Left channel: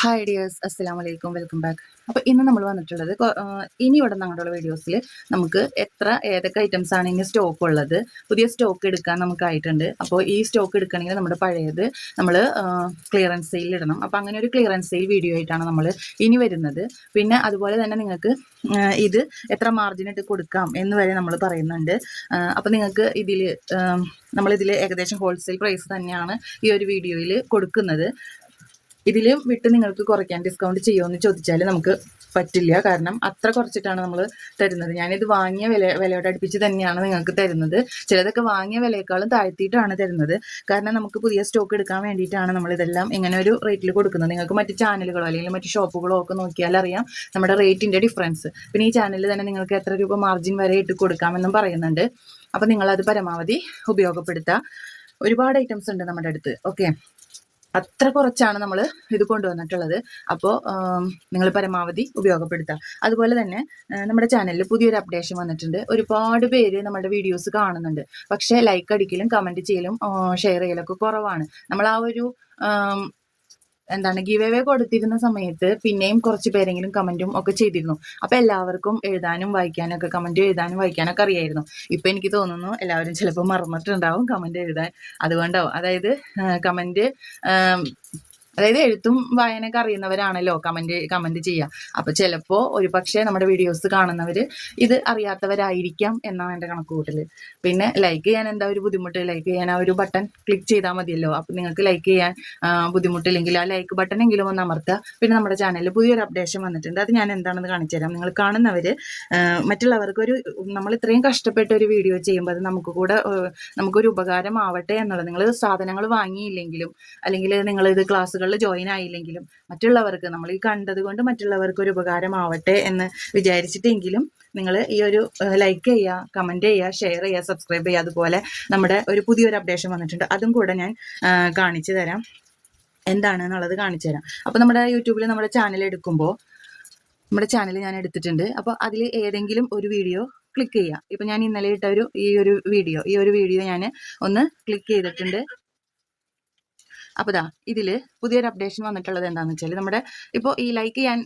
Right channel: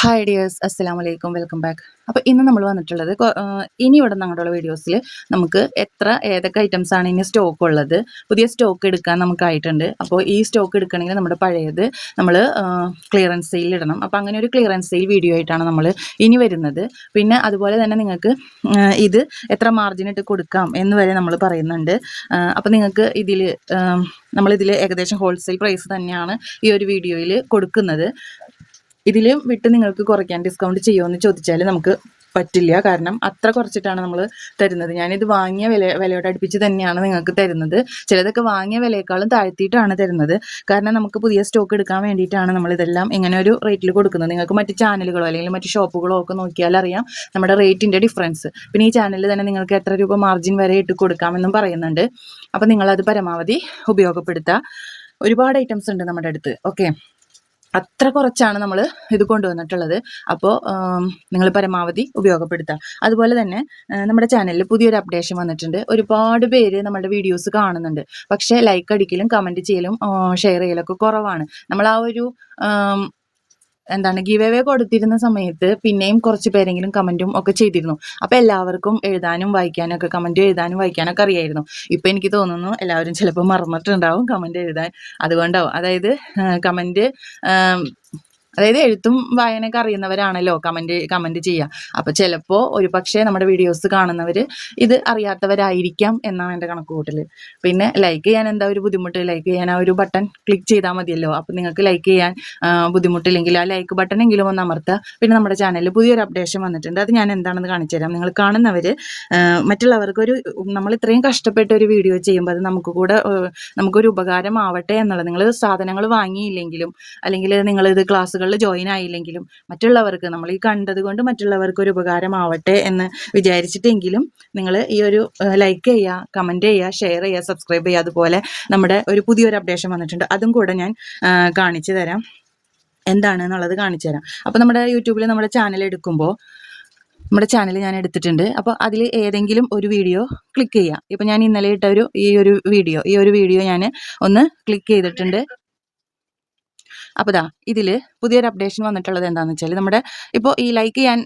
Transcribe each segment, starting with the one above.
Hi dears അസ്സലാം വലൈക്കും welcome back അപ്പോൾ ഇന്ന് നമ്മൾ വന്നിട്ടുള്ളത് ഇനി ഇവിടെ നിങ്ങളുടെ വീഡിയോസിൽ നമുക്ക് എത്ര ഏതൊക്കെ ഐറ്റംസ് ആണ് ഇനി സ്റ്റോക്ക് ഉള്ളത്. പുതിയ സ്റ്റോക്ക് എടുക്കാൻ നമുക്കായിട്ടുണ്ട്. അപ്പോൾ ഈ സ്റ്റോക്ക് എടുക്കണമെങ്കിൽ നമ്മുടെ പഴയത് നമ്മൾ ക്ലിയറൻസ് സെയിൽ ഇടണം. അപ്പോൾ അങ്ങനെ ഒരു ക്ലിയറൻസ് സെയിൽ വീഡിയോ ആയിട്ടാണ് നമ്മൾ ഇനി വരുന്നത്. പിന്നെ അതുപോലെ തന്നെ നിങ്ങൾക്ക് ഇത് എത്ര മാർജിൻ ഇട്ട് കൊടുക്കാം എന്ന് വരെ നമ്മൾ പറയുന്നുണ്ട്. അപ്പോൾ നിങ്ങൾക്ക് ഇതിൽ നമ്മളിതിൽ ഏകദേശം ഹോൾസെയിൽ പ്രൈസ് തന്നെയാണ് ഈ ഒരു വീഡിയോയിൽ കൊടുക്കുന്നത്. ഇതിൽ വിട്ട് നിങ്ങൾക്ക് കുറയ്ക്കാൻ ഡിസ്കൗണ്ട് ചെയ്യുമെന്ന് ചോദിച്ചാൽ നമുക്ക് പറ്റില്ല. കാരണം അത്ര കുറച്ചിട്ടാണ് നമ്മൾ തരുന്നത്. ഞാനിത് വാങ്ങിയ വില വിലയോട് അടുപ്പിച്ച് തന്നെയാണ് നിങ്ങൾക്ക് തരുന്നത്. ചിലതൊക്കെ വാങ്ങിയ വിലയേക്കാളും താഴ്ത്തിയിട്ടാണ് തരുന്നത്. കാരണം നമുക്ക് പുതിയ സ്റ്റോക്ക് എടുക്കാൻ വേണ്ടിയിട്ടാണ് നമ്മൾ ഇതെല്ലാം ഇങ്ങനെ ഒരു റേറ്റിൽ കൊടുക്കുന്നത്. നിങ്ങൾക്ക് മറ്റ് ചാനലുകളോ അല്ലെങ്കിൽ മറ്റ് ഷോപ്പുകളോ ഒക്കെ നോക്കിയാൽ അറിയാം നമ്മുടെ റേറ്റിന്റെ ഡിഫറൻസ് പിന്നെ ഈ ചാനലിൽ തന്നെ നിങ്ങൾക്ക് എത്ര രൂപ മാർജിൻ വരെ ഇട്ട് കൊടുക്കാമെന്നും പറയുന്നുണ്ട്. അപ്പോൾ നിങ്ങളത് പരമാവധി ഉപയോഗപ്പെടുത്തുക ഒരുപാട് ഐറ്റംസ് ഉണ്ട് നമ്മുടെ അടുത്ത്. ഓക്കെ അത്ര കുറച്ചാണ് നമ്മൾ ഇത് കൊണ്ടുവന്നിട്ടുള്ളത്. അപ്പോൾ നിങ്ങൾ പരമാവധി ഉപയോഗപ്പെടുത്തുക അതുപോലെ തന്നെ നമ്മുടെ ചാനലിൽ പുതിയൊരു അപ്ഡേഷൻ വന്നിട്ടുണ്ട്. ഒരുപാട് പേര് നമ്മുടെ വീഡിയോസ് കാണുന്നുണ്ട്. പക്ഷേ ലൈക്ക് അടിക്കലും കമന്റ് ചെയ്യലും ഷെയർ ചെയ്യലൊക്കെ കുറവാണ്. നമ്മൾ ആ ഒരു എന്താണ് ഗീവ് അവേ കൊടുത്തിരുന്ന സമയത്ത് പിന്നെയും കുറച്ച് പേരെങ്കിലും കമന്റും ഒക്കെ ചെയ്തിരുന്നു. അപ്പോൾ എല്ലാവർക്കും എഴുതാനും വായിക്കാനും ഒക്കെ കമന്റ് എഴുതാനും വായിക്കാനൊക്കെ അറിയായിരുന്നു. ഇപ്പം എനിക്ക് തോന്നുന്നു എല്ലാവരും ചിലപ്പോൾ മറന്നിട്ടുണ്ടാവും കമന്റ് എഴുതാൻ. അതുകൊണ്ടാവും. അതായത് കമന്റ് അതായത് എഴുത്തും വായനയൊക്കെ അറിയുന്നവരാണല്ലോ കമന്റ് കമന്റ് ചെയ്യുക. അപ്പൊ ചിലപ്പോ ഒരു പക്ഷേ നമ്മുടെ വീഡിയോസ് കാണുന്നവര് ഇത് അറിയാത്തവരായിരിക്കാം എന്നാണ് എന്റെ കൂട്ടൽ പിന്നെ ലൈക്ക് ചെയ്യാൻ എന്താ ഒരു ബുദ്ധിമുട്ട്? ലൈക്ക് ചെയ്യാൻ ആ ഒരു ബട്ടൺ ക്ലിക്ക് ചെയ്താൽ മതിയല്ലോ. അപ്പൊ നിങ്ങൾക്ക് ലൈക്ക് ചെയ്യാൻ ബുദ്ധിമുട്ടില്ലെങ്കിൽ ആ ലൈക്ക് ബട്ടൺ എങ്കിലും ഒന്ന് അമർത്തുക പിന്നെ നമ്മുടെ ചാനലിൽ പുതിയൊരു അപ്ഡേഷൻ വന്നിട്ടുണ്ട്. അത് ഞാൻ എന്താണെന്ന് കാണിച്ചു തരാം. നിങ്ങൾ കാണുന്നവര് മറ്റുള്ളവർക്ക് ഒരു നമ്മൾ ഇത്രയും കഷ്ടപ്പെട്ട ഒരു വീഡിയോ ചെയ്യുമ്പോൾ അത് നമുക്ക് കൂടെ നമുക്കൊരു ഉപകാരമാവട്ടെ എന്നുള്ളത്. നിങ്ങൾ സാധനങ്ങൾ വാങ്ങിയില്ലെങ്കിലും അല്ലെങ്കിൽ നിങ്ങൾ ഇത് ക്ലാസ്സുകളിൽ ജോയിൻ ആയില്ലെങ്കിലും മറ്റുള്ളവർക്ക് നമ്മൾ ഈ കണ്ടത് കൊണ്ട് മറ്റുള്ളവർക്ക് ഒരു ഉപകാരമാവട്ടെ എന്ന് വിചാരിച്ചിട്ടെങ്കിലും നിങ്ങൾ ഈ ഒരു ലൈക്ക് ചെയ്യുക കമന്റ് ചെയ്യുക ഷെയർ ചെയ്യുക സബ്സ്ക്രൈബ് ചെയ്യുക അതുപോലെ നമ്മുടെ ഒരു പുതിയൊരു അപ്ഡേഷൻ വന്നിട്ടുണ്ട്. അതും കൂടെ ഞാൻ കാണിച്ചു തരാം. എന്താണ് എന്നുള്ളത് കാണിച്ചു തരാം. അപ്പോൾ നമ്മുടെ യൂട്യൂബിൽ നമ്മുടെ ചാനൽ എടുക്കുമ്പോൾ നമ്മുടെ ചാനൽ ഞാൻ എടുത്തിട്ടുണ്ട്. അപ്പോൾ അതിൽ ഏതെങ്കിലും ഒരു വീഡിയോ ക്ലിക്ക് ചെയ്യുക. ഇപ്പോൾ ഞാൻ ഇന്നലെ ഇട്ട ഒരു ഈ ഒരു വീഡിയോ ഈ ഒരു വീഡിയോ ഞാൻ ഒന്ന് ക്ലിക്ക് ചെയ്തിട്ടുണ്ട്. അപ്പോൾ ഇതാ ഇതിൽ പുതിയൊരു അപ്ഡേഷൻ വന്നിട്ടുള്ളത് എന്താണെന്ന് വെച്ചാൽ നമ്മുടെ ഇപ്പോൾ ഈ ലൈക്ക് ചെയ്യാൻ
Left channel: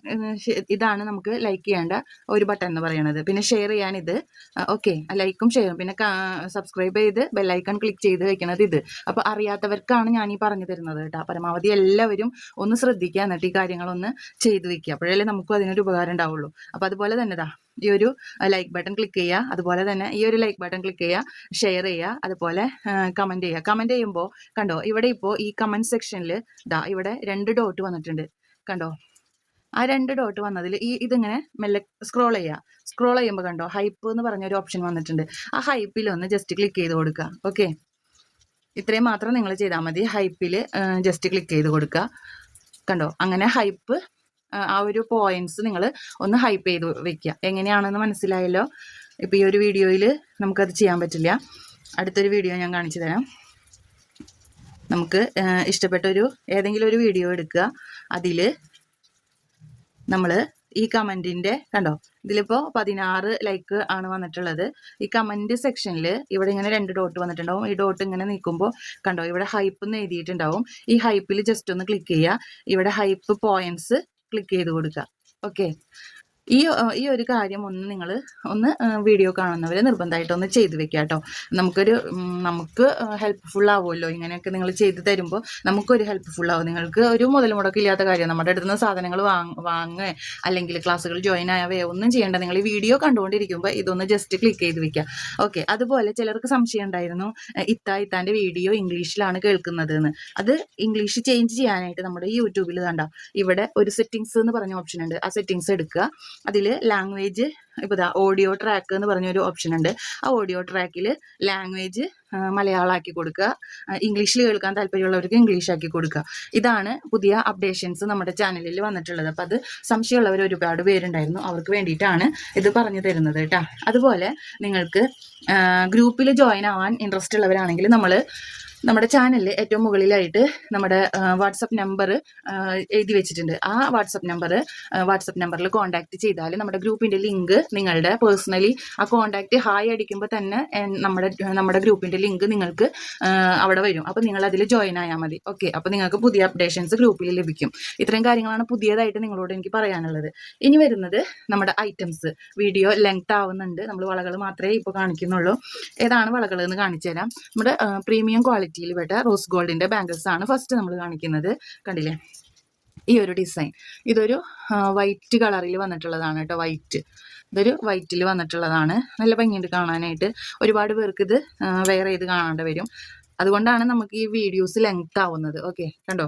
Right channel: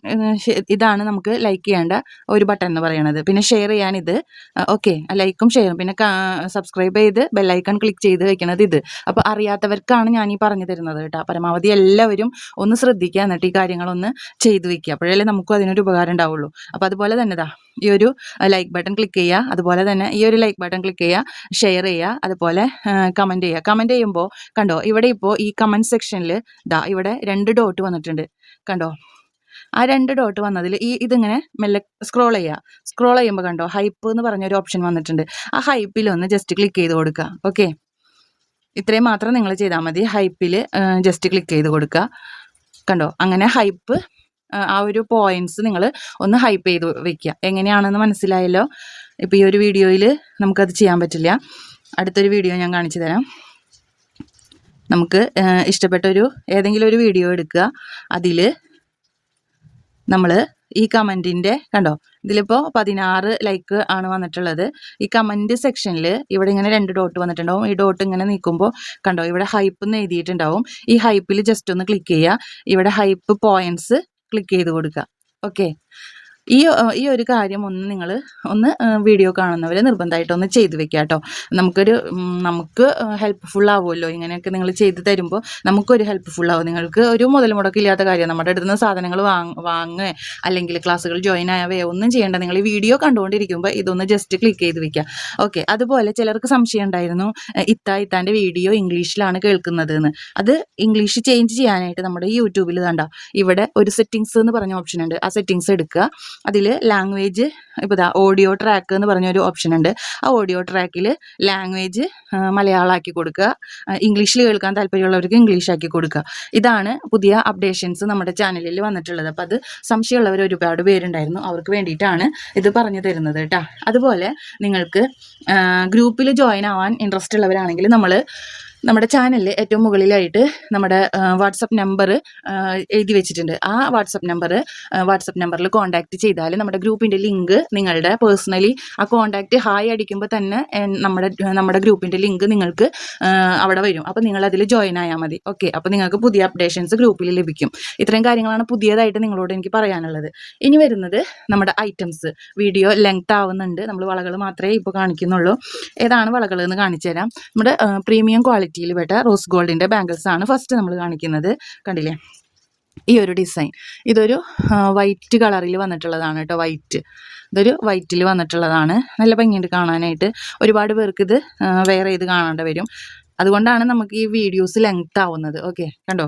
ഇതാണ് നമുക്ക് ലൈക്ക് ചെയ്യേണ്ട ഒരു ബട്ടൺ എന്ന് പറയുന്നത് പിന്നെ ഷെയർ ചെയ്യാൻ ഇത്. ഓക്കെ ലൈക്കും ഷെയറും പിന്നെ സബ്സ്ക്രൈബ് ചെയ്ത് ബെല്ലൈക്കൺ ക്ലിക്ക് ചെയ്ത് വെക്കുന്നത് ഇത്. അപ്പോൾ അറിയാത്തവർക്കാണ് ഞാൻ ഈ പറഞ്ഞു തരുന്നത് കേട്ടോ. പരമാവധി എല്ലാവരും ഒന്ന് ശ്രദ്ധിക്കുക. എന്നിട്ട് ഈ കാര്യങ്ങളൊന്ന് ചെയ്തു വെക്കുക. അപ്പോഴല്ലേ നമുക്കും അതിനൊരു ഉപകാരം ഉണ്ടാവുള്ളൂ. അപ്പോൾ അതുപോലെ തന്നെ ഇതാ ഈ ഒരു ലൈക്ക് ബട്ടൺ ക്ലിക്ക് ചെയ്യുക. അതുപോലെ തന്നെ ഈ ഒരു ലൈക്ക് ബട്ടൺ ക്ലിക്ക് ചെയ്യുക. ഷെയർ ചെയ്യുക. അതുപോലെ കമന്റ് ചെയ്യുക. കമന്റ് ചെയ്യുമ്പോൾ കണ്ടോ ഇവിടെ ഇപ്പോൾ ഈ കമന്റ് സെക്ഷനിൽ ദാ ഇവിടെ രണ്ട് ഡോട്ട് വന്നിട്ടുണ്ട്. കണ്ടോ? ആ രണ്ട് ഡോട്ട് വന്നതിൽ ഈ ഇതിങ്ങനെ മെല്ലെ സ്ക്രോൾ ചെയ്യുക സ്ക്രോൾ ചെയ്യുമ്പോൾ കണ്ടോ? ഹൈപ്പ് എന്ന് പറഞ്ഞ ഒരു ഓപ്ഷൻ വന്നിട്ടുണ്ട്. ആ ഹൈപ്പിൽ ഒന്ന് ജസ്റ്റ് ക്ലിക്ക് ചെയ്ത് കൊടുക്കുക ഓക്കെ ഇത്രയും മാത്രം നിങ്ങൾ ചെയ്താൽ മതി. ഹൈപ്പിൽ ജസ്റ്റ് ക്ലിക്ക് ചെയ്ത് കൊടുക്കുക കണ്ടോ? അങ്ങനെ ഹൈപ്പ് ആ ഒരു പോയിന്റ്സ് നിങ്ങൾ ഒന്ന് ഹൈപ്പ് ചെയ്ത് വെക്കുക എങ്ങനെയാണെന്ന് മനസ്സിലായല്ലോ? ഇപ്പോൾ ഈ ഒരു വീഡിയോയിൽ നമുക്കത് ചെയ്യാൻ പറ്റില്ല. അടുത്തൊരു വീഡിയോ ഞാൻ കാണിച്ചു തരാം. നമുക്ക് ഇഷ്ടപ്പെട്ട ഒരു ഏതെങ്കിലും ഒരു വീഡിയോ എടുക്കുക. അതിൽ നമ്മൾ ഈ കമന്റിന്റെ കണ്ടോ? ഇതിലിപ്പോൾ പതിനാറ് ലൈക്ക് ആണ് വന്നിട്ടുള്ളത്. ഈ കമന്റ് സെക്ഷനിൽ ഇവിടെ ഇങ്ങനെ രണ്ട് ഡോട്ട് വന്നിട്ടുണ്ടാവും. ഈ ഡോട്ട് ഇങ്ങനെ നീക്കുമ്പോൾ കണ്ടോ? ഇവിടെ ഹൈപ്പ് എന്ന് എഴുതിയിട്ടുണ്ടാവും. ഈ ഹൈപ്പിൽ ജസ്റ്റ് ഒന്ന് ക്ലിക്ക് ചെയ്യുക. ഇവിടെ ഹൈപ്പ് പോയിന്റ്സ് ക്ലിക്ക് ചെയ്ത് കൊടുക്കുക. ഓക്കെ ഈ ഈ ഒരു കാര്യം ഒന്ന് നിങ്ങൾ ഒന്ന് വീഡിയോ കാണുന്നവർ നിർബന്ധമായിട്ട് ഒന്ന് ചെയ്തു വെക്കുക കേട്ടോ. നമുക്കൊരു നമുക്ക് ഹെൽപ്ഫുൾ ആവുമല്ലോ. ഇങ്ങനെയൊക്കെ നിങ്ങൾ ചെയ്ത് തരുമ്പോൾ നമുക്കൊരു ഹെൽപ്ഫുൾ ആവും. നിങ്ങൾക്ക് ഒരു മുതൽ മുടക്കില്ലാത്ത കാര്യം. നമ്മുടെ അടുത്ത് നിന്ന് സാധനങ്ങൾ വാങ്ങ വാങ്ങുക അല്ലെങ്കിൽ ക്ലാസ്സുകൾ ജോയിൻ ആവുകയോ ഒന്നും ചെയ്യേണ്ട. നിങ്ങൾ ഈ വീഡിയോ കണ്ടുകൊണ്ടിരിക്കുമ്പോൾ ഇതൊന്ന് ജസ്റ്റ് ക്ലിക്ക് ചെയ്ത് വെക്കുക ഓക്കെ അതുപോലെ ചിലർക്ക് സംശയം ഉണ്ടായിരുന്നു ഇത്ത ഇത്താന്റെ വീഡിയോ ഇംഗ്ലീഷിലാണ് കേൾക്കുന്നത് എന്ന് അത് ഇംഗ്ലീഷ് ചേഞ്ച് ചെയ്യാനായിട്ട് നമ്മുടെ യൂട്യൂബിൽ കണ്ടോ? ഇവിടെ ഒരു സെറ്റിങ്സ് എന്ന് പറഞ്ഞ ഓപ്ഷൻ ഉണ്ട്. ആ സെറ്റിങ്സ് എടുക്കുക. അതിൽ ലാംഗ്വേജ് ഇപ്പോൾ ഇതാ ഓഡിയോ ട്രാക്ക് എന്ന് പറഞ്ഞൊരു ഓപ്ഷൻ ഉണ്ട്. ആ ഓഡിയോ ട്രാക്കിൽ ലാംഗ്വേജ് മലയാളമാക്കി കൊടുക്കുക. ഇംഗ്ലീഷിൽ കേൾക്കാൻ താല്പര്യമുള്ളവർക്ക് ഇംഗ്ലീഷ് ആക്കി കൊടുക്കുക. ഇതാണ് പുതിയ അപ്ഡേഷൻസ് നമ്മുടെ ചാനലിൽ വന്നിട്ടുള്ളത്. അപ്പോൾ അത് സംശയമുള്ളവർ ഒരുപാട് പേരുണ്ടായിരുന്നു. അവർക്ക് വേണ്ടിയിട്ടാണ് ഇത് പറഞ്ഞു തരുന്നത് കേട്ടോ. അതുപോലെ നിങ്ങൾക്ക് ഗ്രൂപ്പിൽ ജോയിൻ ആവാൻ ഇൻട്രസ്റ്റ് ഉള്ളവരാണെങ്കിൽ നമ്മൾ നമ്മുടെ ചാനലിൽ ഏറ്റവും മുകളിലായിട്ട് നമ്മുടെ വാട്സപ്പ് നമ്പർ എഴുതി വെച്ചിട്ടുണ്ട്. ആ വാട്സപ്പ് നമ്പർ വാട്സപ്പ് നമ്പറിൽ കോൺടാക്ട് ചെയ്താൽ നമ്മുടെ ഗ്രൂപ്പിന്റെ ലിങ്ക് നിങ്ങളുടെ പേഴ്സണലി ആ കോൺടാക്ട് ഹായ് അടിക്കുമ്പോൾ തന്നെ നമ്മുടെ നമ്മുടെ ഗ്രൂപ്പിന്റെ ലിങ്ക് നിങ്ങൾക്ക് അവിടെ വരും. അപ്പോൾ നിങ്ങൾ അതിൽ ജോയിൻ ആയാൽ മതി. ഓക്കെ അപ്പോൾ നിങ്ങൾക്ക് പുതിയ അപ്ഡേഷൻസ് ഗ്രൂപ്പിൽ ലഭിക്കും. ഇത്രയും കാര്യങ്ങളാണ് പുതിയതായിട്ട് നിങ്ങളോട് എനിക്ക് പറയാനുള്ളത്. ഇനി വരുന്നത് നമ്മുടെ ഐറ്റംസ് വീഡിയോ ലെങ്ത് ആവുന്നുണ്ട്. നമ്മൾ വളകൾ മാത്രമേ ഇപ്പോൾ കാണിക്കുന്നുള്ളൂ. ഏതാണ് വളകൾ എന്ന് കാണിച്ചു തരാം നമ്മുടെ പ്രീമിയം ക്വാളിറ്റിയിൽ പെട്ട റോസ് ഗോൾഡിന്റെ ബാംഗിൾസ് ആണ് ഫസ്റ്റ് നമ്മൾ കാണിക്കുന്നത്. കണ്ടില്ലേ? ഈ ഒരു ഡിസൈൻ ഇതൊരു വൈറ്റ് കളറിൽ വന്നിട്ടുള്ളതാണ് കേട്ടോ വൈറ്റ് ഇതൊരു വൈറ്റിൽ വന്നിട്ടുള്ളതാണ്. നല്ല ഭംഗിയുണ്ട് കാണാനായിട്ട്. ഒരുപാട് പേർക്ക് ഇത് വേറെ ഇത് കാണേണ്ടി വരും. അതുകൊണ്ടാണ് നമുക്ക് ഈ വീഡിയോസ് ലെങ്ത് ആവുന്നത്. ഓക്കെ കണ്ടോ?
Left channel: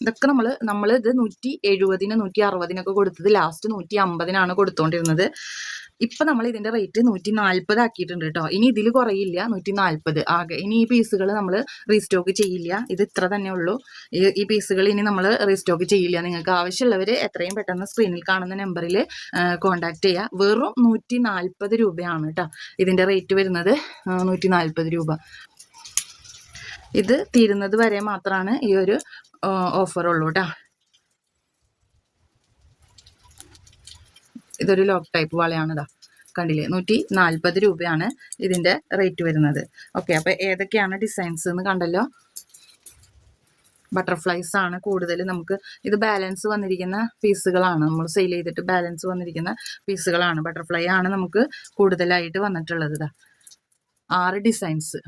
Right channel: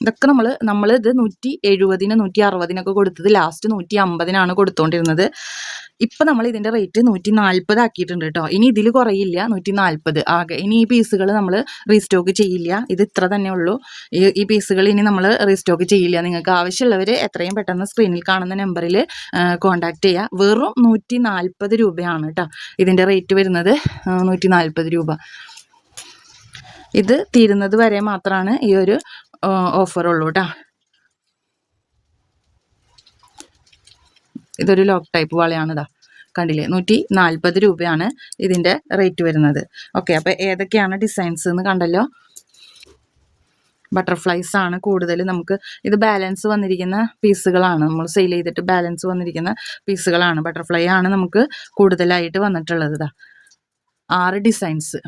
ഇതൊക്കെ നമ്മൾ നമ്മൾ ഇത് നൂറ്റി എഴുപതിന് നൂറ്റി അറുപതിനൊക്കെ കൊടുത്തത് ലാസ്റ്റ് നൂറ്റി അമ്പതിനാണ് കൊടുത്തുകൊണ്ടിരുന്നത് ഇപ്പം നമ്മൾ ഇതിന്റെ റേറ്റ് നൂറ്റി നാൽപ്പത് ആക്കിയിട്ടുണ്ട് കേട്ടോ ഇനി ഇതിൽ കുറയില്ല നൂറ്റി നാൽപ്പത് ആകെ ഇനി ഈ പീസുകൾ നമ്മൾ റീസ്റ്റോക്ക് ചെയ്യില്ല. ഇത് ഇത്ര തന്നെ ഉള്ളൂ. ഈ പീസുകൾ ഇനി നമ്മൾ റീസ്റ്റോക്ക് ചെയ്യില്ല. നിങ്ങൾക്ക് ആവശ്യമുള്ളവർ എത്രയും പെട്ടെന്ന് സ്ക്രീനിൽ കാണുന്ന നമ്പറിൽ കോൺടാക്ട് ചെയ്യുക വെറും നൂറ്റി നാൽപ്പത് രൂപയാണ് കേട്ടോ ഇതിന്റെ റേറ്റ് വരുന്നത് നൂറ്റി നാൽപ്പത് രൂപ. ഇത് തീരുന്നത് വരെ മാത്രമാണ് ഈ ഒരു ഓഫറുള്ളൂ കേട്ടോ ഇതൊരു ലോക്ക് ടൈപ്പ് വളയാണ് ഇതാ കണ്ടില്ലേ? നൂറ്റി നാൽപ്പത് രൂപയാണ് ഇതിന്റെ റേറ്റ് വരുന്നത്. ഓക്കെ അപ്പോൾ ഏതൊക്കെയാണ് ഡിസൈൻസ് എന്ന് കണ്ടല്ലോ? ബട്ടർഫ്ലൈസ് ആണ് കൂടുതൽ നമുക്ക് ഇത് ബാലൻസ് വന്നിരിക്കുന്ന പീസുകളാണ്. നമ്മൾ സെയിൽ ചെയ്തിട്ട് ബാലൻസ് വന്നിരിക്കുന്ന പീസുകളാണ്. ബട്ടർഫ്ലൈ ആണ് നമുക്ക് കൂടുതലായിട്ട് വന്നിട്ടുള്ളത് ഇതാ ആറ് ഡിസൈൻസ്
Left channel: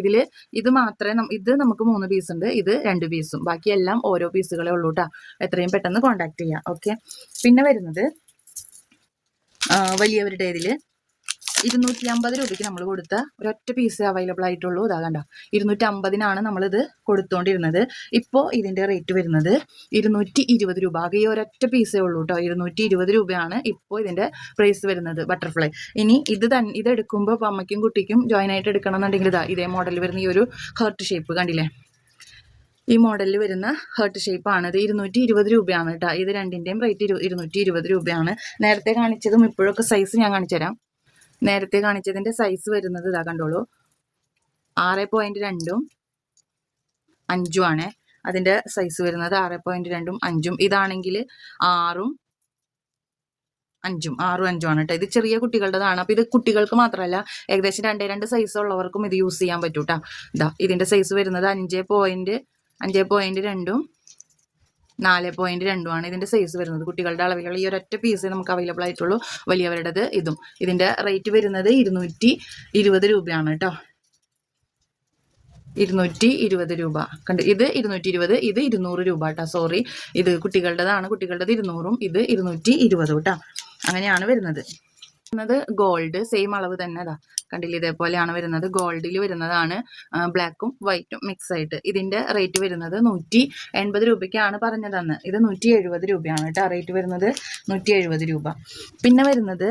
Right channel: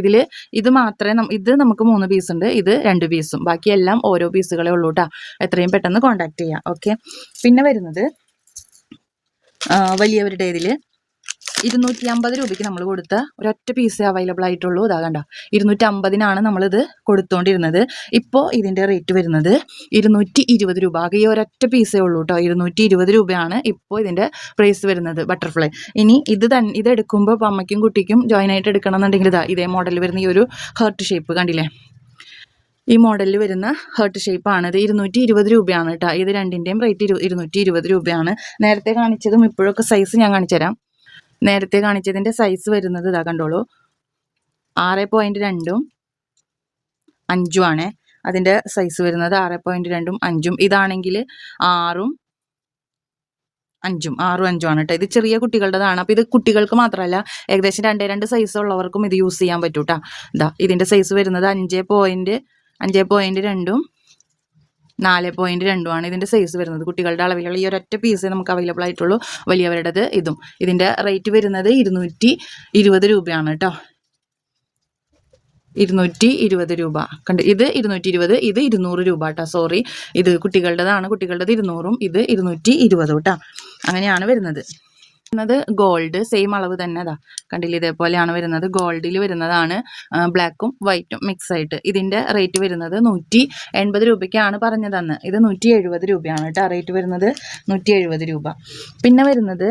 ഇതിൽ ഇത് മാത്രമേ ഇത് നമുക്ക് മൂന്ന് പീസ് ഉണ്ട്. ഇത് രണ്ട് പീസും ബാക്കിയെല്ലാം ഓരോ പീസുകളെ ഉള്ളൂ കേട്ടോ എത്രയും പെട്ടെന്ന് കോൺടാക്ട് ചെയ്യാം. ഓക്കെ പിന്നെ വരുന്നത് വലിയവരുടെ ഇതിൽ ഇരുന്നൂറ്റി അമ്പത് രൂപയ്ക്ക് നമ്മൾ കൊടുത്ത ഒരൊറ്റ പീസ് അവൈലബിൾ ആയിട്ടുള്ളൂ. അതാ കണ്ട. ഇരുന്നൂറ്റി അമ്പതിനാണ് നമ്മളിത് കൊടുത്തുകൊണ്ടിരുന്നത് ഇപ്പോൾ ഇതിന്റെ റേറ്റ് വരുന്നത് ഇരുന്നൂറ്റി ഇരുപത് രൂപ. ആകെ ഈ ഒരൊറ്റ പീസേ ഉള്ളൂ കേട്ടോ ഇരുന്നൂറ്റി ഇരുപത് രൂപയാണ് ഇപ്പോൾ ഇതിന്റെ പ്രൈസ് വരുന്നത് ബട്ടർഫ്ലൈ ഇനി ഇത് തന്നെ ഇത് എടുക്കുമ്പോൾ അമ്മയ്ക്കും കുട്ടിക്കും ജോയിൻ ആയിട്ട് എടുക്കണം എന്നുണ്ടെങ്കിൽ ഇതാ ഇതേ മോഡൽ വരുന്ന ഈ ഒരു ഹേർട്ട് ഷേപ്പ് കണ്ടില്ലേ? ഈ മോഡലിൽ വരുന്ന ഹേർട്ട് ഷേപ്പാണ് ഇത് ഇരുന്നൂറ്റി ഇരുപത് രൂപയാണ് കേട്ടോ ഇത് രണ്ടിന്റെയും റേറ്റ് ഇരു ഇരുന്നൂറ്റി ഇരുപത് രൂപയാണ്. നേരത്തെ കാണിച്ചതും ഇപ്പോഴൊക്കെ സൈസ് ഞാൻ കാണിച്ചുതരാം നേരത്തെ കാണിച്ചതിന്റെ സൈസ് വരുന്നത് ഇതാ കണ്ടോളൂ. ആറ് പോയിന്റ് രണ്ടും അഞ്ചും ആണ്. അതിന്റെ സൈസ് വരുന്നത് ആറ് പോയിന്റ് രണ്ടും അഞ്ചും. ഇതാണെങ്കിൽ ആറും അഞ്ചും. ആറും അഞ്ചും ആണ് കേട്ടോ ഇത് ചെറിയ കുട്ടികളുടേതാണ്. അപ്പോൾ ഇത് കുട്ടികൾക്ക് മാത്രമല്ല ഏകദേശം രണ്ടേ രണ്ട് സൈസ് ഉള്ളവർക്കും ഇത് യൂസ് ചെയ്യാൻ പറ്റൂട്ടാ ഇതാ ഇതിന്റെ സൈസ് വരുന്നത് അഞ്ച് പോയിന്റ് അഞ്ച് പോയിന്റ് രണ്ടും നാല് പോയിന്റ് രണ്ടുമാണ് ഇതിന്റെ സൈസ് വരുന്നത്. കുട്ടികളുടെ അളവിലുള്ള ഈ ഒരൊറ്റ പീസ് നമുക്ക് അവൈലബിൾ ആയിട്ടുള്ളൂ. വലിയവരുടേത് ഇതും. ഇതിന്റെ റേറ്റ് വരുന്നത് ഇരുന്നൂറ്റി ഇരുപത് രൂപയാണ് കേട്ടോ. ഇരുന്നൂറ്റി ഇരുപത് രൂപ. കണ്ട്? ഇത് ഇരുന്നൂറ്റി ഇരുപത് ഇത് ഇരുന്നൂറ് രൂപ കേട്ടോ. സോറി ഇത് കുട്ടികളുടേതാണ് കുട്ടികളുടേത് ഇരുന്നൂറും ഇത് ഇരുന്നൂറ്റി ഇരുപതും കേട്ടോ. അങ്ങനെയാണ് വരുന്നത്. വരുന്നത് ഗോൾഡ് സെയിം അളവ് തന്നെ അതാ കണ്ടില്ല ഇതേപോലെയാണ് വരുന്നത്. ഗോൾഡിൽ വരുന്നതാണ് ബ്ലാക്കും വൈറ്റും മിക്സ് ആയിട്ട്. ഇതിന്റെ റേറ്റ് വരുന്നത് നൂറ്റി എൺപത് രൂപയ്ക്കാണ് പറഞ്ഞതെന്ന്. ഇത് നൂറ്റി എഴുപത് രൂപയാണ് കേട്ടോ. റേറ്റ് വരുന്നത് നൂറ്റി എഴുപത് രൂപ. പിന്നെ വരുന്നത്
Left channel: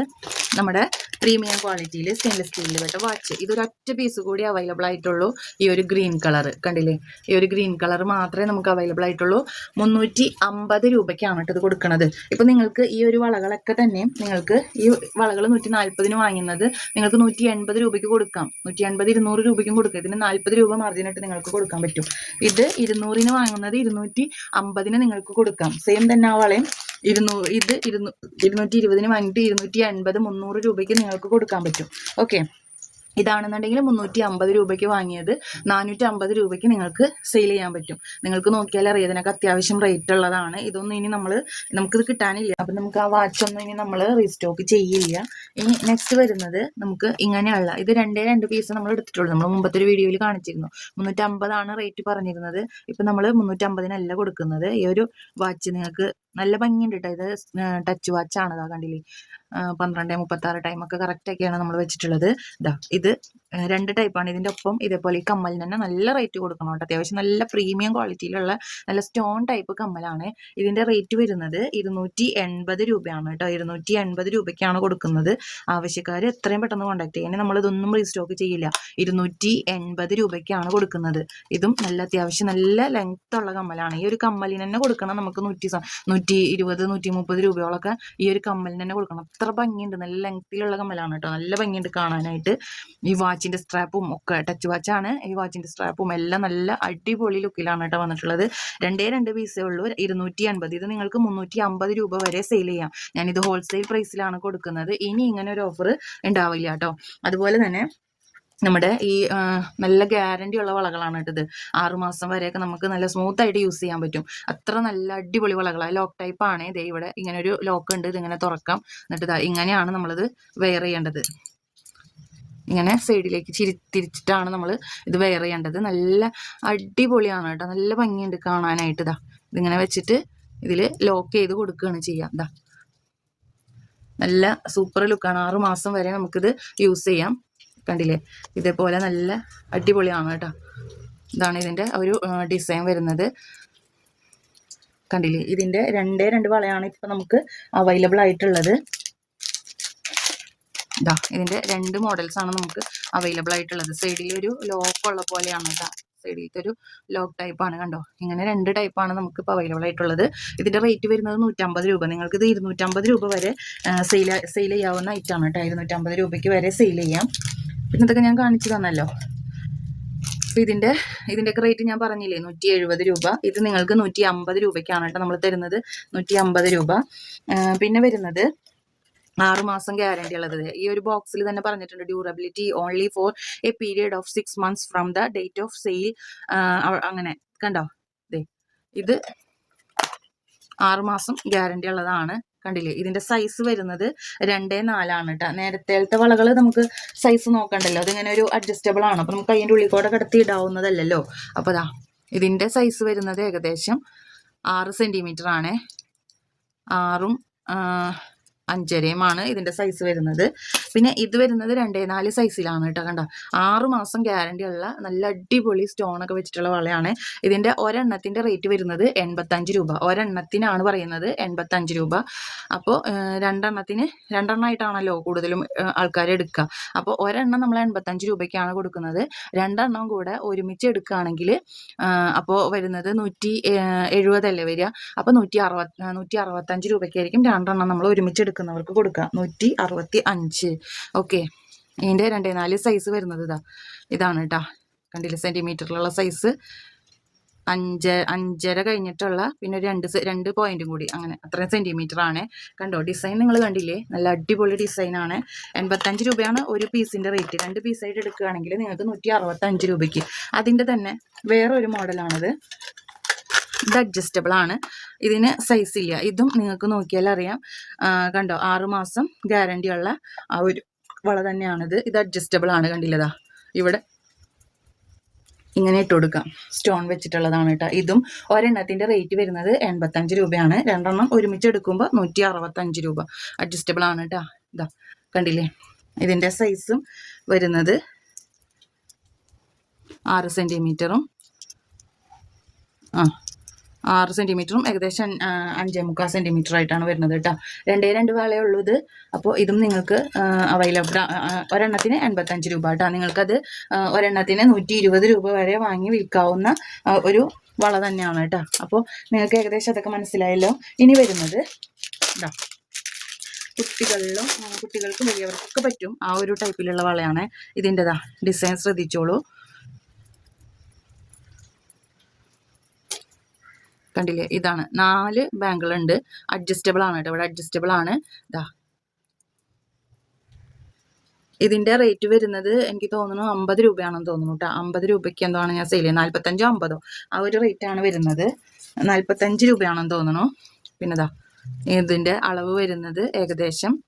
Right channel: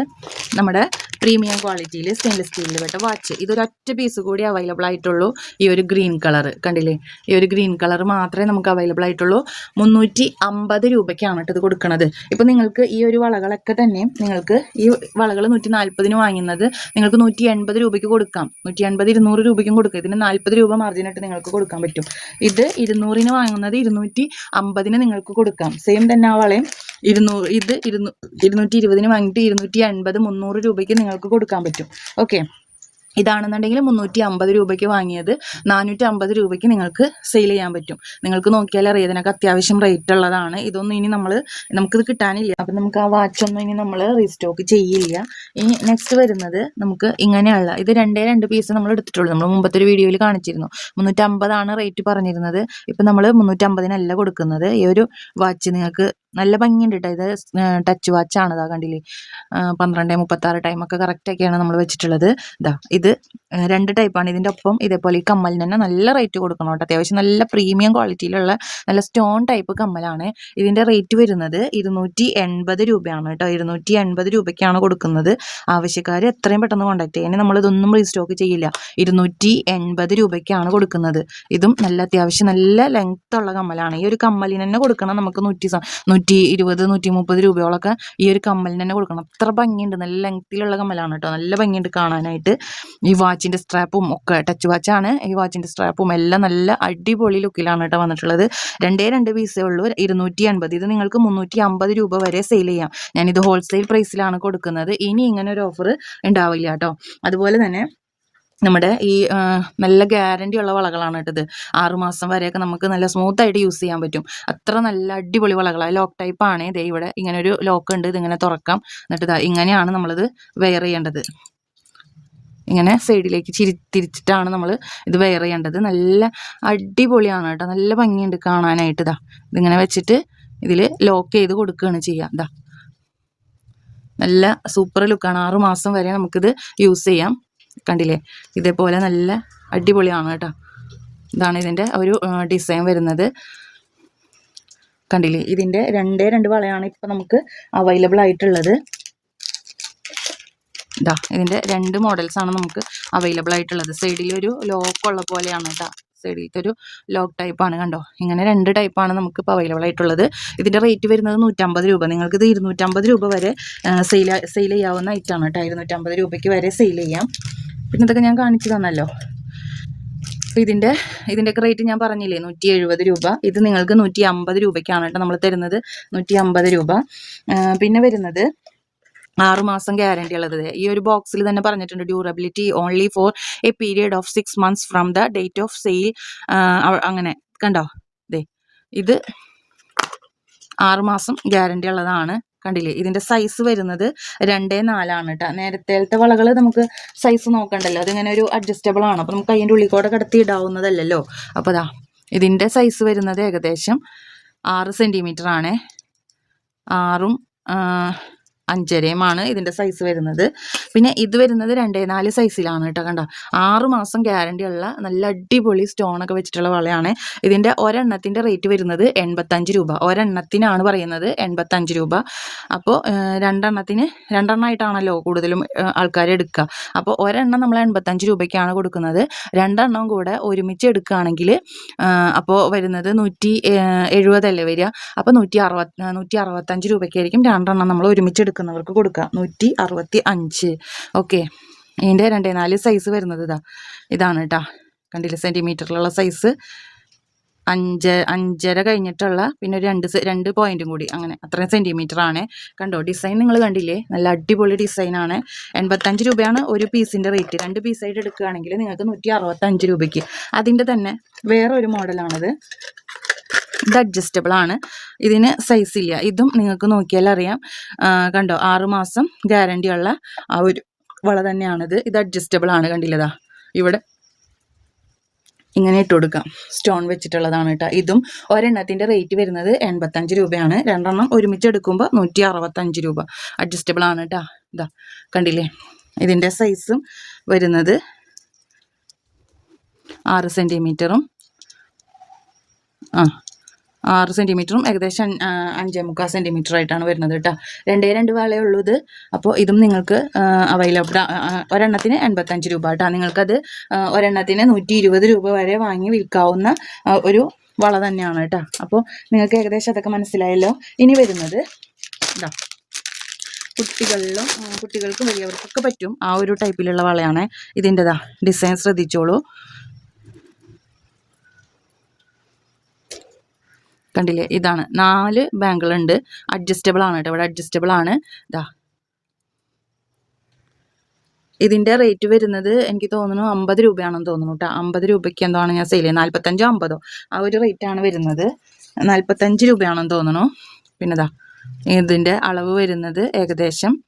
നമ്മുടെ പ്രീമിയം ക്വാളിറ്റിയിൽ സ്റ്റെയിൻലെസ് സ്റ്റീലിൽ പെട്ട വാച്ച് ഇതൊരൊറ്റ പീസ് കൂടി അവൈലബിൾ ആയിട്ടുള്ളൂ. ഈ ഒരു ഗ്രീൻ കളർ കണ്ടില്ലേ? ഈ ഒരു ഗ്രീൻ കളർ മാത്രമേ നമുക്ക് അവൈലബിൾ ആയിട്ടുള്ളൂ. മുന്നൂറ്റി അമ്പത് രൂപയ്ക്കാണ് ഇത് കൊടുക്കുന്നത് ഇപ്പം നിങ്ങൾക്ക് ഈ ഒരു വളകളൊക്കെ തന്നെ നിങ്ങൾക്ക് ഈ വളകൾ നൂറ്റി നാൽപ്പതിന് വാങ്ങുന്നത് നിങ്ങൾക്ക് നൂറ്റി എൺപത് രൂപയ്ക്ക് കൊടുക്കാം. നൂറ്റി എൺപത് ഇരുന്നൂറ് രൂപയ്ക്കും കൊടുക്കുക ഇതിന് നാൽപ്പത് രൂപ മാർജിനായിട്ട് നിങ്ങൾക്ക് കൊടുക്കാൻ പറ്റും. ഇത് ഇരുന്നൂറിന് വാങ്ങുന്നത് ഇരുന്നൂറ്റി അമ്പതിന് നിങ്ങൾക്ക് കൊടുക്കാം. സെയിം തന്നെ ആ വളയും. ഇരുന്നൂറ് ഇത് ഇരുന്നൂ ഇരുന്നൂറ്റി ഇരുപതിന് വാങ്ങിയിട്ട് ഇരുന്നൂറ്റി അൻപത് മുന്നൂറ് രൂപയ്ക്ക് നിങ്ങൾക്ക് കൊടുക്കാൻ പറ്റും. ഓക്കെ. ഇതാണെന്നുണ്ടെങ്കിൽ മുന്നൂറ്റി അമ്പത് രൂപയ്ക്ക് വാങ്ങിയത് നാനൂറ്റി അമ്പത് രൂപയ്ക്ക് നിങ്ങൾക്ക് സെയിൽ ചെയ്യാൻ പറ്റും. നിങ്ങൾക്ക് നോക്കിയാൽ അറിയാം ഇതിനൊക്കെ അത്യാവശ്യം റേറ്റ് ഉള്ളതാണ്. ഇതൊന്നും ഇനി നമ്മൾ നമുക്കിത് കിട്ടാനില്ല. അപ്പം നമുക്ക് ആ വാച്ചൊന്നും ഇനി നമ്മൾ റീസ്റ്റോക്ക് ചെയ്യില്ല. ഇനി നെക്സ്റ്റ് വരുന്നത് നമുക്ക് ഇങ്ങനെയുള്ള ഇത് രണ്ടേ രണ്ട് പീസ് നമ്മൾ എടുത്തിട്ടുള്ളൂ. നമ്മൾ മുമ്പത്തെ ഒരു വീഡിയോയിൽ കാണിച്ചിരുന്നു. മുന്നൂറ്റമ്പതാണ് റേറ്റ് പറഞ്ഞിരുന്നത്. ഇപ്പം നമ്മൾ മുന്നൂറ്റമ്പതിനല്ല കൊടുക്കുന്നത്. ഈ ഒരു വാച്ച് നിങ്ങൾക്ക് നല്ല ഭംഗിയുണ്ട് കേട്ടോ ഇത് ടച്ച് വാച്ചാണ് ഇതാ കണ്ടില്ലേ? പന്ത്രണ്ട് മുപ്പത്താറ് ടൈമൊക്കെ കറക്റ്റൊക്കെയാണ് നമ്മൾ വെച്ചിട്ടുള്ളത്. ഇതാ ഇത് രണ്ട് ടൈപ്പാണ് ഇതിന്റെ ഒപ്പം ഇതേപോലെ ഈ കമ്മലിന് തന്നെ നല്ല റേറ്റ് കൊടുക്കണം കേട്ടോ. അത്യാവശ്യം നല്ല പ്രീമിയം ക്വാളിറ്റിയിലുള്ള നല്ല സ്റ്റോൺ ടൈപ്പ് കമ്മലാണ് ഇതിന്റെ റേറ്റ് വരുന്നത് ഇരുന്നൂറ്റി എൺപത് രൂപയാണ് കേട്ടോ. ഇരുന്നൂറ്റി എൺപത് രൂപയ്ക്കാണ് കൊടുക്കുന്നത്. ആവശ്യക്കാർ എത്രയും പെട്ടെന്ന് കോൺടാക്ട് ചെയ്യാൻ. നമ്മൾ ഇതൊന്നും റീസ്റ്റോക്ക് ചെയ്യില്ല. ഇരുന്നൂറ്റി എൺപത് രൂപയ്ക്കാണ് കൊടുക്കുന്നത്. ഇതും നല്ല അത്യാവശ്യം നല്ല ലെങ്ത് ഉള്ള കമ്മലാണ്. ഈ ഒരു കമ്മലിന് തന്നെ കൊടുക്കണം നമുക്ക് നൂറ്റി നൂറ്റി ഇരുപത് നൂറ്റി മുപ്പത് രൂപയോളൊക്കെ ഈ ഒരു കമ്മലിന് തന്നെ കൊടുക്കണം. അത്ര ഭംഗിയുണ്ട്. നല്ല ലെങ്ത്തിലുള്ള കമ്മലാണ് കേട്ടോ നല്ല ഭംഗിയുണ്ട് കാണാനായിട്ട്. ഈ വാച്ചിന്റെ സ്ട്രാപ്പും ഒക്കെ ടച്ച് വാച്ചാണ് ഈ വാച്ചിന്റെ സ്ട്രാപ്പും എല്ലാം നല്ല അടിപൊളി ലുക്കിലാണ് കേട്ടോ വന്നിട്ടുള്ളത്. രണ്ടേ രണ്ട് പീസേ ഉള്ളൂ. ഇരുന്നൂറ്റി അൻപത് ഇത് നിങ്ങൾക്ക് മുന്നൂറ്റി അമ്പത് രൂപ വരെ സെയിൽ ചെയ്യാം. ഞാനിത് ഹോൾസെയിൽ പ്രൈസിലാണ് കൊടുക്കുന്നത്. ഇനി ഇങ്ങനെ ഒരു ഓഫർ ഉണ്ടാവില്ല കേട്ടോ അതുപോലെ തന്നെ നമ്മുടെ ഈ നല്ല ഗ്യാരണ്ടി ഉള്ള വളകളാണ് കേട്ടത്. ആറുമാസം വരെയൊക്കെ നമുക്ക് നല്ല സ്മൂത്ത് ആയിട്ട് യൂസ് ചെയ്യാൻ പറ്റും. അത്ര നല്ല അടിപൊളി വളകളാണ് ലോക്ക് ടൈപ്പ് ആണ്. ദേ ഇവിടെ ഇങ്ങനെ ഒരു ലോക്ക് ഉണ്ട്. ഇതിങ്ങനെ തുറക്കാം. എന്നിട്ട് ഇതാ ഇങ്ങനെയാണ് നമ്മളിത് വെയർ ചെയ്യേണ്ടത്. ഇങ്ങനെ സൈഡിലേക്ക് ചിരി തിരിച്ചിട്ടാണ് നമ്മൾ ഇത് വെയർ ചെയ്യേണ്ടത്. നല്ല അടിപൊളിയാണ് കേട്ടോ. നല്ല ഭംഗിയുണ്ട് കാണാനായിട്ട് ഇതാ ഇതിങ്ങനെ വെച്ചിട്ട് ഇതിൽ ലോക്ക് ചെയ്ത് കൊടുക്കുകയാണ് ചെയ്യുക ഇതാ നല്ല സൂപ്പർ ലുക്കാണ് ആറ് മാസം വരെ നമുക്കിത് യൂസ് ചെയ്യാം. കണ്ടില്ലേ? ഇതേപോലെ നല്ല അടിപൊളിയാണ് കേട്ടോ. ഇതാണ് ഇതിന്റെ ഒരു ഡിസൈൻ വരുന്നത്. കണ്ടില്ലേ? ഇതിന്റെ രണ്ടേ രണ്ട് വളയാണ് ഇപ്പം നമുക്ക് അവൈലബിൾ ആയിട്ടുള്ളത്. ഇതാ ഇതിന്റെ രണ്ട് മോഡൽസ് ആണ് നമുക്ക് അവൈലബിൾ ആയിട്ടുള്ളത്. സൈഡിൽ ഒരു ലോക്ക് ഉള്ള പോലെയാണ് കേട്ടോ. സൈഡിലത്തെ ഒരു ലോക്ക് ടൈപ്പാണ് കണ്ടോ? ഇങ്ങനെ രണ്ട് ടൈപ്പാണ് നമുക്ക് ഇപ്പോൾ അവൈലബിൾ ആയിട്ടുള്ളത്. ഇതിന്റെ റേറ്റ് വരുന്നത് നൂറ്റമ്പത് രൂപ. നിങ്ങൾക്ക് ഇത് ഇരുന്നൂറ്റമ്പത് രൂപ വരെ സെയിൽ സെയിൽ ചെയ്യാവുന്ന ഐറ്റമാണ് കേട്ടോ. ഇരുന്നൂറ്റമ്പത് രൂപയ്ക്ക് വരെ സെയിൽ ചെയ്യാം. പിന്നെ ഇതൊക്കെ ഞാൻ കാണിച്ചു തന്നല്ലോ. അപ്പോൾ ഇതിന്റെ ഇതിന്റെയൊക്കെ റേറ്റ് ഞാൻ പറഞ്ഞില്ലേ നൂറ്റി എഴുപത് രൂപ. ഇത് നിങ്ങൾക്ക് നൂറ്റി അമ്പത് രൂപയ്ക്കാണ് കേട്ടോ നമ്മൾ തരുന്നത്. നൂറ്റി അമ്പത് രൂപ പിന്നെ വരുന്നത് ആറുമാസം ഗ്യാരണ്ടി ഉള്ളത്. ഈ ഒരു ബോക്സിൽ തന്നെ പറഞ്ഞിട്ടുണ്ട് durability only for a period of six months from the date of sale അങ്ങനെ കണ്ടോ? ദേ ഇത് ആറുമാസം ഗ്യാരണ്ടി ഉള്ളതാണ്. കണ്ടില്ലേ? ഇതിന്റെ സൈസ് വരുന്നത് രണ്ടേ നാലാണ് കേട്ടോ നേരത്തേലത്തെ വളകൾ നമുക്ക് സൈസ് നോക്കണ്ടല്ലോ. അതിങ്ങനെ ഒരു അഡ്ജസ്റ്റബിൾ ആണ്. അപ്പോൾ നമുക്ക് അതിന്റെ ഉള്ളിൽ കൂടെ കിടത്തി ഇടാവുന്നതല്ലല്ലോ. അപ്പോൾ അതാ ഇതിന്റെ സൈസ് വരുന്നത് ഏകദേശം ആറ് സെന്റിമീറ്റർ ആണേ. ആറും അഞ്ചരയുമാണ് ഇതിന്റെ സൈസ് വരുന്നത്. പിന്നെ ഇത് വരുന്നത് രണ്ടേ നാല് സൈസിലാണ് കേട്ടോ കണ്ടോ? ആറ് മാസം ഗ്യാരണ്ടി ഉള്ള നല്ല അടിപൊളി സ്റ്റോണൊക്കെ വെച്ചിട്ടുള്ള വളയാണ്. ഇതിന്റെ ഒരെണ്ണത്തിന്റെ റേറ്റ് വരുന്നത് എൺപത്തഞ്ച് രൂപ. ഒരെണ്ണത്തിനാണ് പറയുന്നത് എൺപത്തഞ്ച് രൂപ. അപ്പോൾ രണ്ടെണ്ണത്തിന് രണ്ടെണ്ണമായിട്ടാണല്ലോ കൂടുതലും ആൾക്കാർ എടുക്കുക. അപ്പോൾ ഒരെണ്ണം നമ്മൾ എൺപത്തഞ്ച് രൂപയ്ക്കാണ് കൊടുക്കുന്നത്. രണ്ടെണ്ണം കൂടെ ഒരുമിച്ച് എടുക്കുകയാണെങ്കിൽ അപ്പോൾ വരുന്നത് നൂറ്റി എഴുപതല്ലേ വരിക? അപ്പോൾ നൂറ്റി അറുപത് നൂറ്റി അറുപത്തഞ്ച് രൂപയ്ക്കായിരിക്കും രണ്ടെണ്ണം നമ്മൾ ഒരുമിച്ച് എടുക്കുന്നവർക്ക് കൊടുക്കാം. നൂറ്റി അറുപത്തി അഞ്ച് ഓക്കെ. ഇതിന്റെ രണ്ടേ നാല് സൈസ് വരുന്നത് ഇതാ. ഇതാണ് കേട്ടോ കണ്ടില്ല? സെന്റിമീറ്ററിലുള്ള സൈസ് അഞ്ച് അഞ്ചര കഴിഞ്ഞിട്ടുള്ള പിന്നെ ഒരു രണ്ട് രണ്ട് പോയിന്റും കൂടി. അങ്ങനെ. അത്രയും സെന്റിമീറ്റർ ആണ്. കണ്ടോ? ഡിസൈൻ നിങ്ങൾ കണ്ടില്ലേ? നല്ല അടിപൊളി ഡിസൈനാണ് എൺപത്തഞ്ച് രൂപയാണ് ഒരു പീസിന്റെ റേറ്റ് രണ്ട് പീസായിട്ട് എടുക്കുകയാണെങ്കിൽ നിങ്ങൾക്ക് നൂറ്റി അറുപത്തഞ്ച് രൂപയ്ക്ക്. അതിന്റെ തന്നെ വേറെ ഒരു മോഡലാണിത് ഇത് അഡ്ജസ്റ്റബിൾ ആണ്. ഇതിന് സൈസ് ഇല്ല. ഇതും നിങ്ങൾക്ക് നോക്കിയാൽ അറിയാം. കണ്ടോ? ആറുമാസം ഗ്യാരണ്ടി ഉള്ള ആ ഒരു വള തന്നെയാണിത് ഇത്. അഡ്ജസ്റ്റബിൾ ആണ് കണ്ടില്ലതാ ഇവിടെ. ഇങ്ങനെ ഇട്ട് കൊടുക്കാം. സ്റ്റോൺ വെച്ചിട്ടുള്ളതാണ് കേട്ടോ. ഇതും ഒരെണ്ണത്തിന്റെ റേറ്റ് വരുന്നത് എൺപത്തഞ്ച് രൂപയാണ്. രണ്ടെണ്ണം ഒരുമിച്ച് എടുക്കുമ്പോൾ നൂറ്റി അറുപത്തഞ്ച് രൂപ. അഡ്ജസ്റ്റബിൾ ആണ് കേട്ടോ. ഇതാ കണ്ടില്ലേ? ഇതിന്റെ സൈസും വരുന്നത് ആറ് സെന്റിമീറ്ററും ആ ആറ് സെന്റിമീറ്ററും ഏകദേശം അഞ്ച്- മുക്കാൽ സെന്റിമീറ്റർ ആയിട്ടാണ് വരുന്നത് കേട്ടോ. രണ്ടേ രണ്ട് വാളയേ ഉള്ളൂ ഇത്. അപ്പോൾ ഇതും നിങ്ങൾക്ക് അവൈലബിൾ ഒരെണ്ണത്തിന് എൺപത്തഞ്ച് രൂപ കേട്ടോ. നിങ്ങൾക്കത് ഒരെണ്ണത്തിന് നൂറ്റി ഇരുപത് രൂപ വരെ വാങ്ങി വിൽക്കാവുന്ന ഒരു വള തന്നെയാണ് കേട്ടോ. അപ്പോൾ നിങ്ങൾക്ക് ഏകദേശം അതൊക്കെ മനസ്സിലായല്ലോ. ഇനി വരുന്നത് ഇതാ കുട്ടികളിലും കുട്ടികൾക്കും വലിയവർക്കൊക്കെ പറ്റും ആ ഒരു ടൈപ്പിലുള്ള വളയാണ് ഇതിന്റെതാ. ഡിസൈൻ ശ്രദ്ധിച്ചോളൂ. കണ്ടില്ലേ? ഇതാണ്. നാല് ബാങ്കുകളുണ്ട് അഡ്ജസ്റ്റബിൾ ആണ് കേട്ടോ. ഇവിടെ അഡ്ജസ്റ്റബിൾ ആണ്. ഇതാ ഇതിന്റെ റേറ്റ് വരുന്നത് എനിക്ക് തോന്നുന്നു അമ്പത് രൂപയാണെന്ന് തോന്നുന്നു കേട്ടോ. അമ്പത് രൂപയ്ക്ക് എന്താണ് ഞാൻ സെയിൽ ചെയ്യുന്നത്. നാൽപ്പത്തഞ്ചോ അമ്പതോ? ആ ഒരു റേറ്റ് ആണ് വരുന്നത്. നാൽപ്പത്തഞ്ച് രൂപയാണെന്ന് തോന്നുന്നു. പിന്നെ ഇതാ ഇതിന്റെ അളവ് വരുന്നത് ഏകദേശം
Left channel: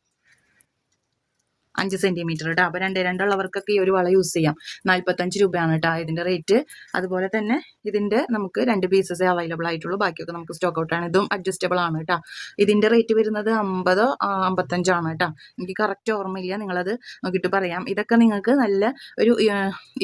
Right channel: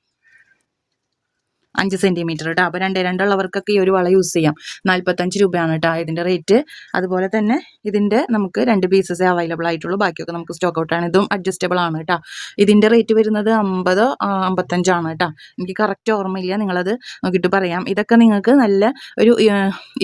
അഞ്ച് സെന്റിമീറ്റർ കേട്ടോ അപ്പോൾ രണ്ട് രണ്ടുള്ളവർക്കൊക്കെ ഈ ഒരു വള യൂസ് ചെയ്യാം. നാൽപ്പത്തഞ്ച് രൂപയാണ് കേട്ടോ ഇതിന്റെ റേറ്റ് അതുപോലെ തന്നെ ഇതിന്റെ നമുക്ക് രണ്ട് പീസസേ അവൈലബിൾ ആയിട്ടുള്ളൂ. ബാക്കിയൊക്കെ നമുക്ക് സ്റ്റോക്ക് ഔട്ടാണ് ഇതും അഡ്ജസ്റ്റബിൾ ആണ് കേട്ടോ ഇതിന്റെ റേറ്റ് വരുന്നത് അമ്പതോ അമ്പത്തഞ്ചാണ് കേട്ടോ എനിക്ക് കറക്റ്റ് ഓർമ്മയില്ല. നിങ്ങളത് നോക്കിയിട്ട് പറയാം. ഇതൊക്കെ നിങ്ങൾക്ക് നല്ല ഒരു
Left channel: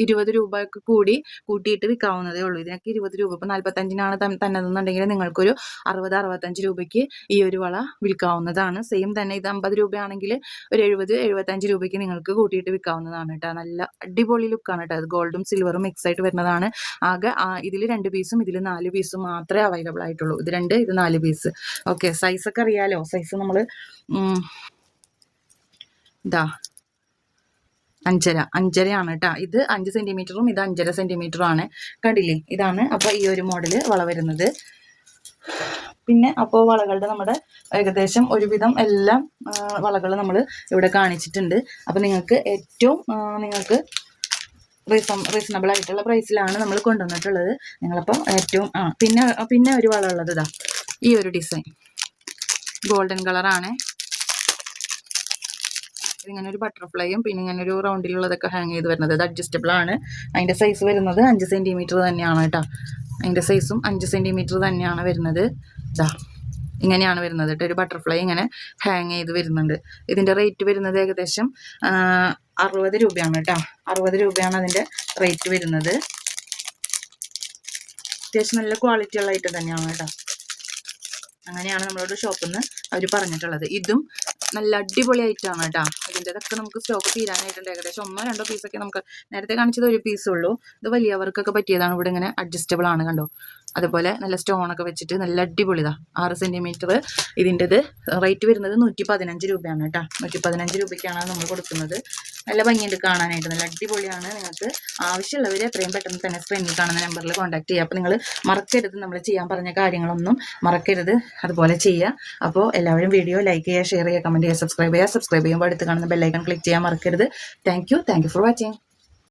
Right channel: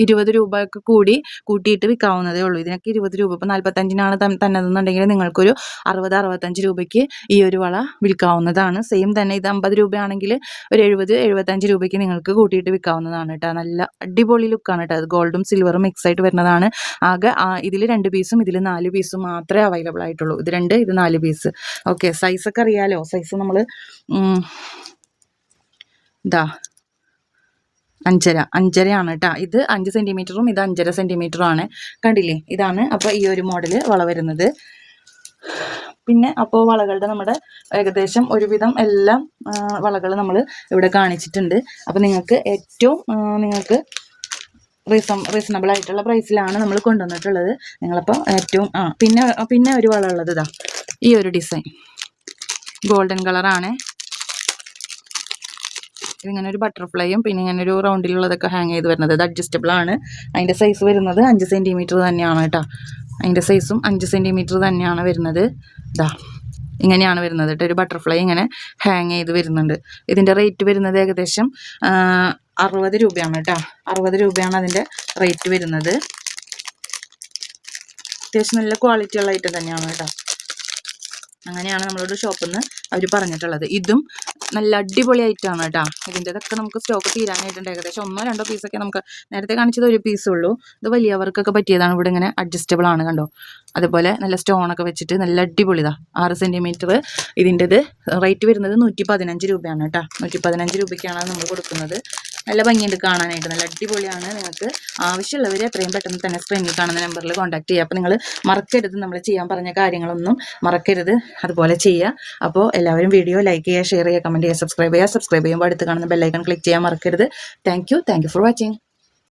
ഇരുപത് രൂപയൊക്കെ കൂടി കൂട്ടിയിട്ട് വിൽക്കാവുന്നതേ ഉള്ളൂ. ഇതിനൊക്കെ ഇരുപത് രൂപ. ഇപ്പോൾ നാൽപ്പത്തഞ്ചിനാണ് തന്നതെന്നുണ്ടെങ്കിൽ നിങ്ങൾക്കൊരു അറുപത് അറുപത്തഞ്ച് രൂപയ്ക്ക് ഈ ഒരു വള വിൽക്കാവുന്നതാണ്. സെയിം തന്നെ ഇത് അമ്പത് രൂപയാണെങ്കിൽ ഒരു എഴുപത് എഴുപത്തഞ്ച് മുപ്പത്തഞ്ച് രൂപയ്ക്ക് നിങ്ങൾക്ക് കൂട്ടിയിട്ട് വിൽക്കാവുന്നതാണ് കേട്ടോ. നല്ല അടിപൊളി ലുക്കാണ് കേട്ടോ. അത് ഗോൾഡും സിൽവറും മിക്സ് ആയിട്ട് വരുന്നതാണ്. ആകെ ഇതിൽ രണ്ട് പീസും ഇതിൽ നാല് പീസും മാത്രമേ അവൈലബിൾ ആയിട്ടുള്ളൂ. ഇത് രണ്ട് ഇത് നാല് പീസ് ഓക്കെ സൈസൊക്കെ അറിയാലോ? സൈസ് നമ്മൾ ഇതാ അഞ്ചര. അഞ്ചരയാണ് കേട്ടോ. ഇത് അഞ്ച് സെന്റിമീറ്ററും ഇത് അഞ്ചര സെന്റിമീറ്ററും ആണ്. കണ്ടില്ലേ? ഇതാണ് അപ്പോൾ ഈ ഒരു മോഡൽ വള വരുന്നത്. പിന്നെ അപ്പോൾ വളകളുടെ നമ്മുടെ ഏകദേശം ഒരുവിധം എല്ലാം വളകൾ നമ്മൾ ഇവിടെ കാണിച്ചിട്ടുണ്ട്. അപ്പോൾ നിങ്ങൾക്ക് ഏറ്റവും നിങ്ങൾക്ക് റീസം റീസണബിൾ ആയിട്ടുള്ള പ്രൈസിലാണ് നമ്മൾ കൊണ്ടുവന്നിട്ടുള്ളത്. നിങ്ങളപ്പോൾ ഏറ്റവും ആ പിന്നെ പിന്നെ ഒരു വള ഉള്ളത് ഇതാ. ഈ ഒരു ഡിസൈൻ ഗോൾഡൻ കളറാണ് ഇതിങ്ങനെ ഒരു ബട്ടർഫ്ലൈയും പിന്നെ ഇങ്ങനെ ഒരു റൗണ്ടിലുള്ളതൊക്കെ ഹാങ് ചെയ്ത് വരുന്നത്. ഇത് അഡ്ജസ്റ്റബിൾ ആണ്. അതിന്റെ സൈസ് വരുന്നത് അഞ്ച് സെന്റിമീറ്റർ തന്നെയാണ് കേട്ടോ. അതിന്റെ സൈസും അഞ്ച് സെന്റിമീറ്റർ തന്നെയാണ് വരുന്നത്. ഇതാ ഇങ്ങനെയാണ് വരുന്നത് കേട്ടോ. ഒരു ബട്ടർഫ്ലൈ ഇങ്ങനെ ഹാങ് ചെയ്ത് വരുന്നുണ്ട്. ഇതിന്റെ റേറ്റ് വരുന്നത് ഏകദേശം അറുപത് രൂപയാണ് കേട്ടോ. അറുപത് രൂപയാണ് അതിന്റെ റേറ്റ് വരുന്നത്. അത്യാവശ്യം നല്ല ക്വാളിറ്റി ഉള്ള ഐറ്റം തന്നെയാണ് കേട്ടോ. അങ്ങനെയാണ് നമ്മളോട് ഷോപ്പിൽ നിന്ന് അവർ പറഞ്ഞിട്ടുള്ളത്. ഇതും നല്ല അടിപൊളി ഐറ്റമാണ് കേട്ടോ ഇതിന്റെതൊക്കെ നമുക്ക് സ്റ്റോക്ക് തീരാനായിട്ടുണ്ട്. ഏകദേശം ഒന്നോ രണ്ടോ പീസൊക്കെ നമുക്ക് നേരത്തെ കാണിച്ചത് ഒരു പീസേ ഉള്ളൂ. ഇത് വലിയവർക്കൊക്കെ പറ്റിയതാണ്. ഇവിടെ ഇങ്ങനെ അഡ്ജസ്റ്റബിൾ ആണ് കണ്ടോ? അതുപോലെ നല്ല സ്റ്റോണൊക്കെ വെച്ചിട്ട് നല്ല അടിപൊളിതാ ആറ് സെന്റിമീറ്റർ ഇതിന്റെത് റേറ്റ് വരുന്നത് നൂറ്റി പതിനഞ്ച് രൂപയാണ് കേട്ടോ നൂറ്റി പതിനഞ്ച് രൂപയ്ക്കാണ് നമ്മൾ കൊടുക്കുന്നത്. നല്ല ഭംഗിയുണ്ട് കാണാനായിട്ട്. നല്ല അടിപൊളിയാണ് നിങ്ങൾക്ക് ആവശ്യമുള്ളവർ എത്രയും പെട്ടെന്ന് തന്നെ സ്ക്രീനിൽ കാണുന്ന നമ്പറിൽ കോൺടാക്ട് ചെയ്യുക. അപ്പോൾ നിങ്ങൾ മറക്കരുത് നമ്മൾ ചെയ്യാൻ പറഞ്ഞ കാര്യങ്ങളൊന്നും മറക്കരുത്. അതുപോലെ ചെയ്യുക. അപ്പോൾ എല്ലാവരും വീഡിയോ ലൈക്ക് ചെയ്യുക ഷെയർ ചെയ്യുക കമന്റ് ചെയ്യുക സബ്സ്ക്രൈബ് ചെയ്യുക. സബ്സ്ക്രൈബ് ചെയ്യുമ്പോൾ അടുത്ത് കാണുന്ന ബെല്ലൈക്കൺ ക്ലിക്ക് ചെയ്യാൻ മറക്കരുത്. Thank you thank you for watching